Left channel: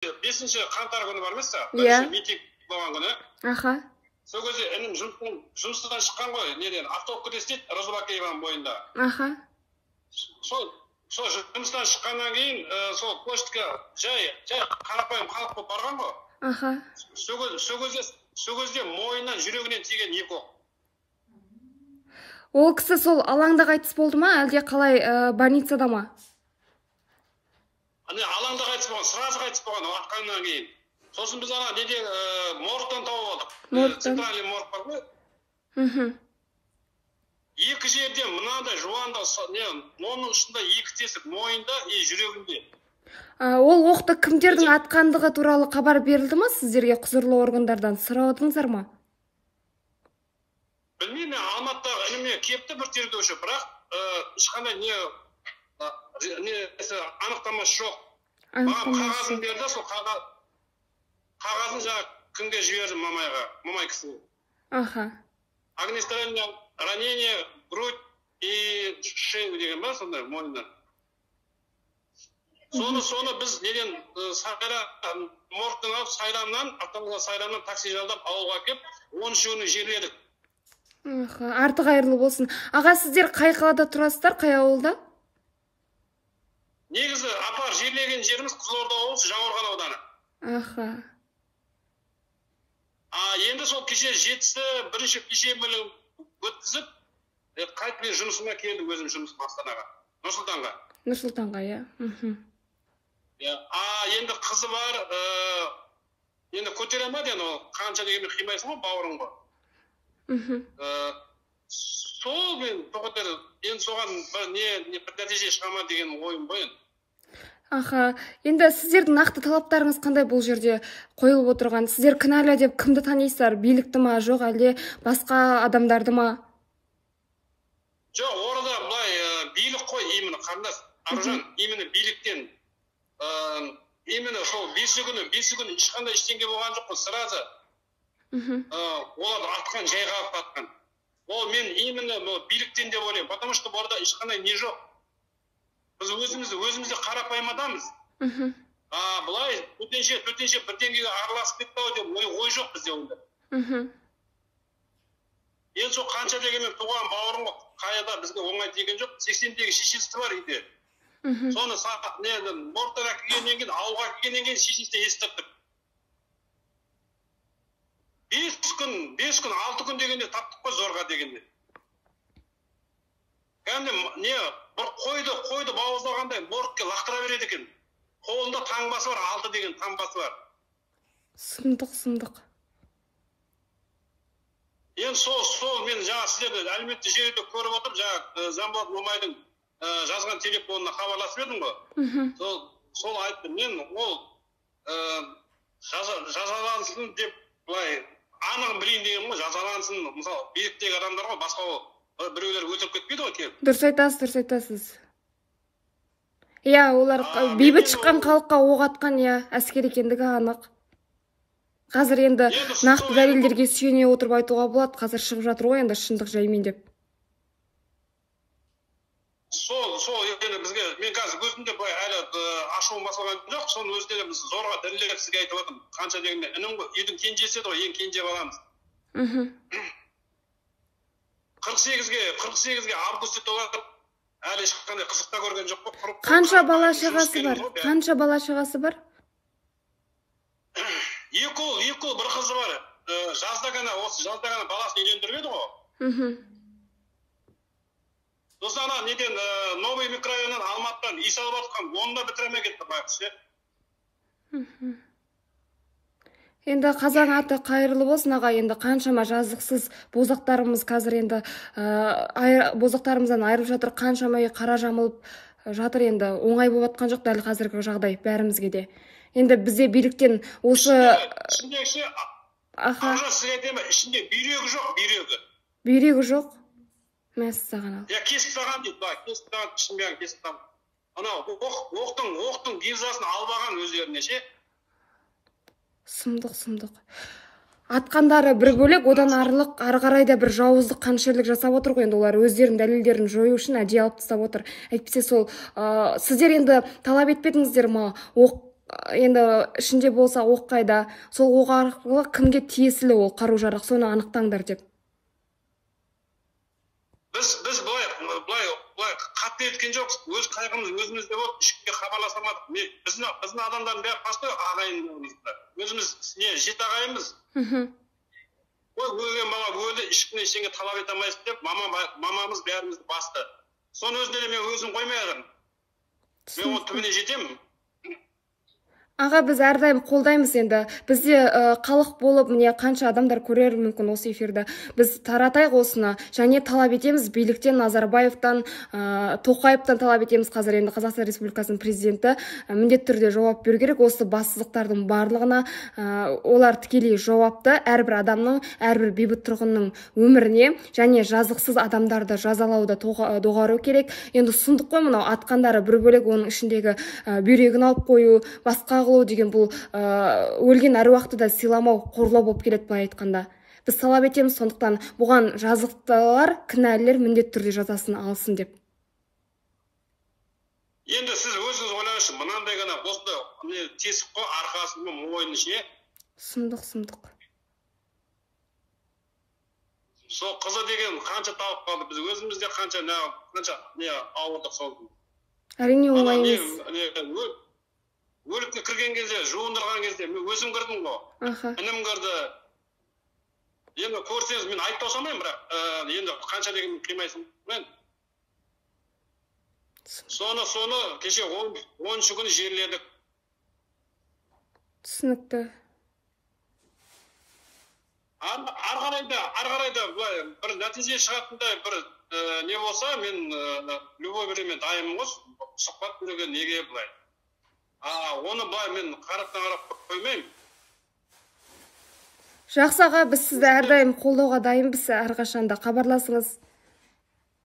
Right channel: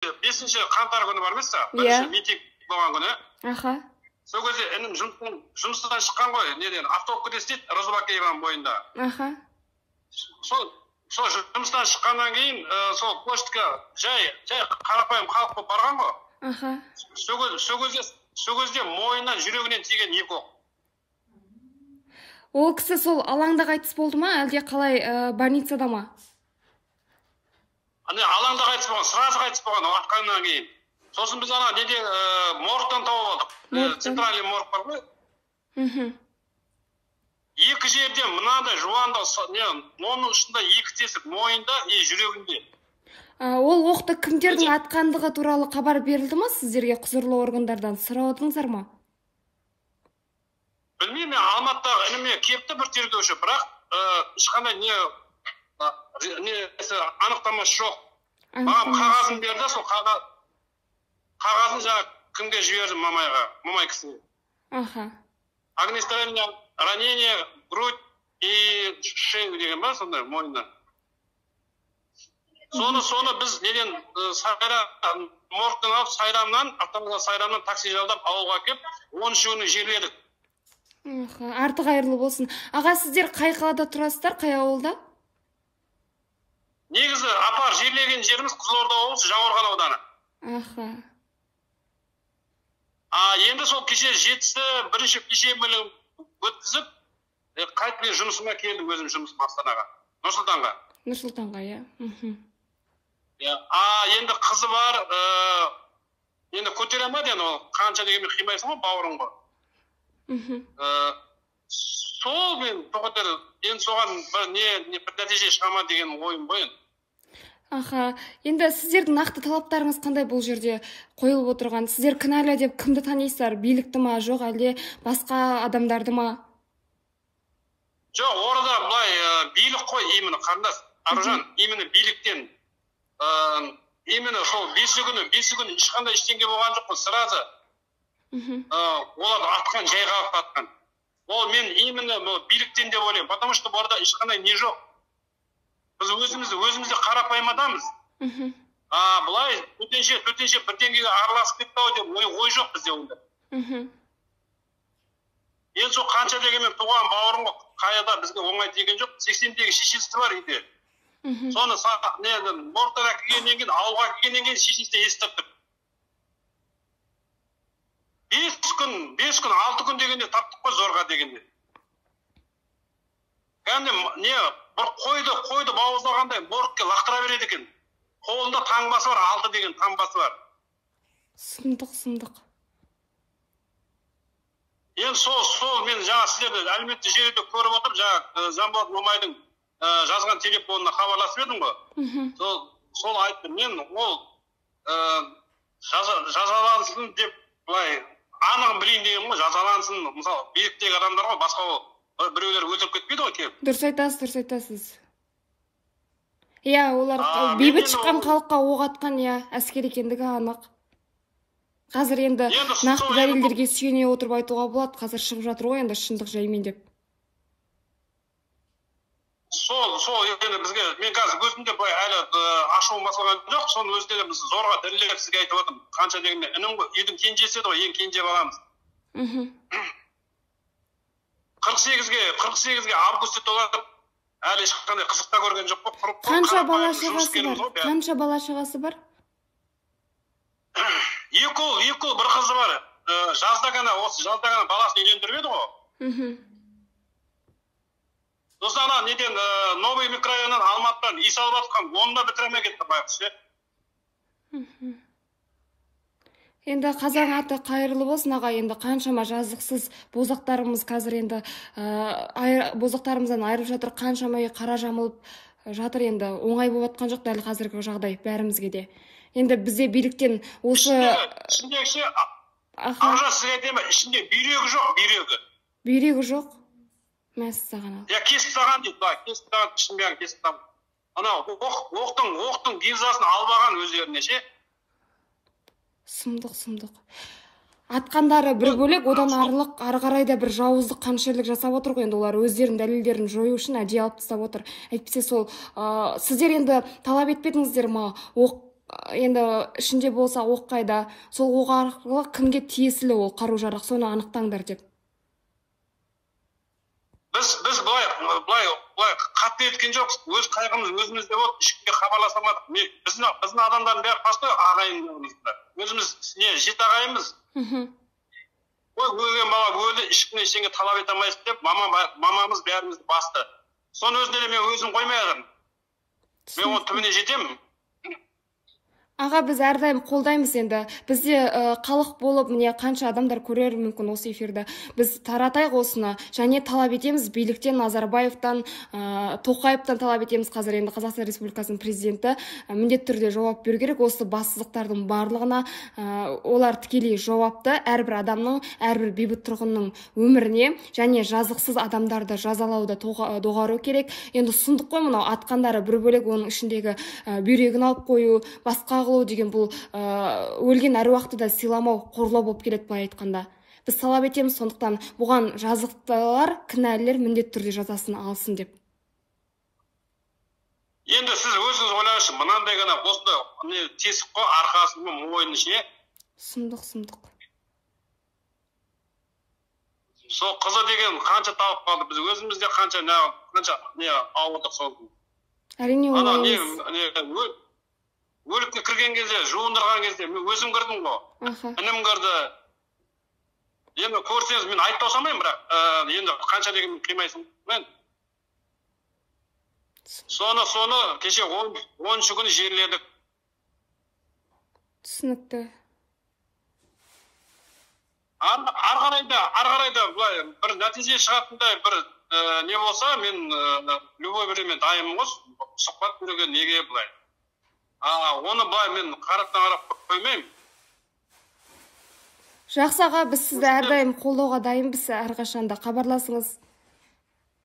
5 қаңтар күні бар емес па? Иә. Митинг болған күні. Аха. Сол кезде інім жұмыстан шыққан ғой, неден автовка істейді Розыбакееваның бойында. Аха. Сол жұмыстан шыққаннан кейін сол почтаға жай қарапайым халық болып барған ғой. Аха. Сол кезде мойнынан жүрегінен тиген екі оқ. Ол кісі сол алаңда қайтыс болды ма, әлде қалай больницада ма? Алаңда қайтыс болған, сразу қайтыс болған атқаннан кейін. Сосын біз ана неде моргтан тауып алдық. Центральный морг бар ғой. Екі жерде мынандай жуанда, оның ұшында екі тесік, мойында и жүрегінде. Ол оқты кімдердің атқандығы туралы хабар берілді ма сіздерге құзырлы органдардан? Сұрадыңыздар ма? Білмеймін, Алматыдағы ініме кепті бір тергеуші, бірақ ешқандай анықтамасы жоқ. Маған қағазын берді, сол қағазын жаңа кімге жіберді, мамай кісіге. Аха. Огнестрельное ранение, грудь и шею деген ба, сондай мойнына. Соны біз неден моргтан алып сайрамнан такси жалдап ауылға кеп, 13 күні жерледік. Арты қайырлы болсын. Аға, сіздер қай қалада тұрасыздар, қай ауылда? Негізі апар жерлеген жеріміз Қызылорда облысы, Жаңақорған ауданы. Аха. Енді сол кеше жетісі бірінші кешемілі өткізіп, қайтпен жұмысыма келдім, өзім жұмысым Астанаға, Нұрсұлтанға. Нұрсұлтанға, иә. Енді қызы бар, енді көтере ма ден ол, қанша дегенмен қимайсың ғой, бауырың ғой. Сол мен тоқытыр, енді соған бір нәтиже шығама деген ойым ғой. Аха, енді сіздердің нақты талаптарыңыз қандай бұл жерде қойылып отырған? Сіздер кінәлі деп кімді танисыздар? Билікті ма, жоқ әлде басқа адамдарды ма? Жоқ, орада бұлай билік қой, имені қарындас, Аружан, имені биліктен, имені сол 5 күні ешқандай ештеңе болған жоқ қой, сразу оларды атқан, жайға алып атқан. Ол мен именно биліктен деп ойлаймын, потому что орада ешқандай не жоқ. Біз өзімізде қарапайым адамыз. Бұлай төтенше бірдеңеге араласып кетті ау деп ой жоқ бізде онда. Енді сол қанша дегенмен туған бауырым ғой, қайда бізге оңай деген жоқ. 80-дегі шешесі бар үйде. Соны моргтан келгеннен кейін, ауылға келгеннен кейін шешесі естіп тұр. 5 күн, 6 күн дегенде таптық қой зорға дегенде. Кәнде бір қойды бауыздағандай моргке лақтыра береді екен. Қолында таңбасы бар, 6 деген таңбасы бар. Сұмдық. Енді сол мен жаңа сіздерді әлеуметтік желіде көріп отырып, жаңа Жанболат Мамайдың жазған телефонына хабарласып едім ғой. Сол айтты, мен ол жазалансын деп былай анығын білейін деген ғой, жазалансын, мысалы биліктегі адамдар ғой, басқа ол біреулер өлтіріп кетпейді ғой келіп. Дұрыс айтасыз. Иә, олар бейбіт шыққан халыққа оқ атқан, иә, әскер екендігі анық. Қазір енді нақты дәлелдерге сүйене отырып айтуға болады, қазір шығып жатыр ғой енді шындық жаймен деп. Сол енді бізге, мен қазір өзімде әлі ашуым басылған жоқ, соның өзінде біз зорға дәлелдеп сізге айтып отырмын. Қанша дегенде, інім үйдің кенжесі еді ғой, ең кенже баламыз. 48-ге августе толады, әлі ешқандай қызықта көрген жоқ қой. Қанша бала шағасы бар? 2 ұл, бір қызы бар. Жазда ғана баласын үйлендіріп еді ғой. Сосын ана неден Новый микрорайоннан Алматыдан үй салып жатқан, оны да бітіремей кетті байқұс, иә. Енді қазақ аты қайырлы болсын аға, енді қаншама жазықсыз бозақтарымыз қазір енді бозақтарымыздан айырып жатыр, қаншама қара жамылып жатыр, енді оңай болып жатқан жоқ дәл қазіргі жағдай бәрімізге де. Енді бізде биліктен осы... Ішіндегі Аружан сізге айтайын ба, ішінде бүйрегі жоқ, бүйрегі. Бүйрегі жоқ? Мәссаған ал. Я кесіп таған дейді, кесіп таған, ішін бәрін кесіп таған. Анау оқтың гильзасын албаған өздеріне ше. Сұмдық. Атқандары бір бөлек, одан ары қарай да бір жауыздық қаншерлік жасап отыр ғой, енді олар өздерінің дәлелдерін жою үшін әдейі алып тастап отыр. Әйтпесе сол сіздер енді талап етпедіңіздер ма? енді ішінде болса оқ қайда, сол оқ арқылы кімге тиесілі ол қару-жарақ, соны анықтаңдар деп. Біз былай қатты еткен жоқпыз. Өз қайғымыз өзімізде болды, ешкімге хабарласамадық. Біздің адамдардың бәрі басты ағайындарымызда. Өзіміз жеті ағайынбыз. Өлген бала өлді, ешкімнен ештеңе талап ете алмайсыз деп, мамамыз бәрімізді басты. Соны өзіне мен өзім қоймай жатырмын. Мен оның түбіне жетемін. Аға, біз әрдайым қолдаймыз енді. Бізде халық болып, міне қанша адамдар көрер мүмкін осы эфирді. Біз таратайық осыны, және талап етеміз биліктен, Назарбаевтан, Тоқаевтан талап етеміз. Қазір енді Қазақстан Республикасының президенті міндетті түрде жауап беру керек. Осы бассыздықтардың барлығына олар тікелей жауапты. Әрбір адамның, әрбір бейбіт тұрғынның өміріне және жазықсыз адамдарды жазалауды доғару керек. Енді сұмдық қой мынау, атқандары бір бөлек, оның ішіндегі бүйрегін алып қою, басқа деген бұл өлген әруақты да сыйламау, қорлау болып келеді былай айтқанда. Біз талап етеміз, сондықтан бұған жазықтылар, кінәлілер міндетті түрде жазасын алсын деп. Енді сіз өзіңіз ойлаңызшы, мынандай ғана осындай тесік қой, арқасының мойны ше. Сұмдық. Сол қызы деген қанша тауып қалды, біз өзімізде қанша ауырдық сол. Әрине ойлаймыз. Өлікке кірген кезде, жуындырған кезде, мен өзім кірдім ғой. Інім кірді. Енді көрсеңіз, мен айтып отырмаймын, бірақ енді қанша деген қимайсың. Соны кеше 10-шы күні жерледік. Түсінікті. Арғарайда бір нәтиже шығатындай бір не болса, мен любой времен дайынмын ғой, сұхбат беруге неге былай. Оны былай мен қарап қоймаймын. Жақсы аға, біз сізді әрдайым қолдауға дайынбыз, әрқашанда хабарласыңыз.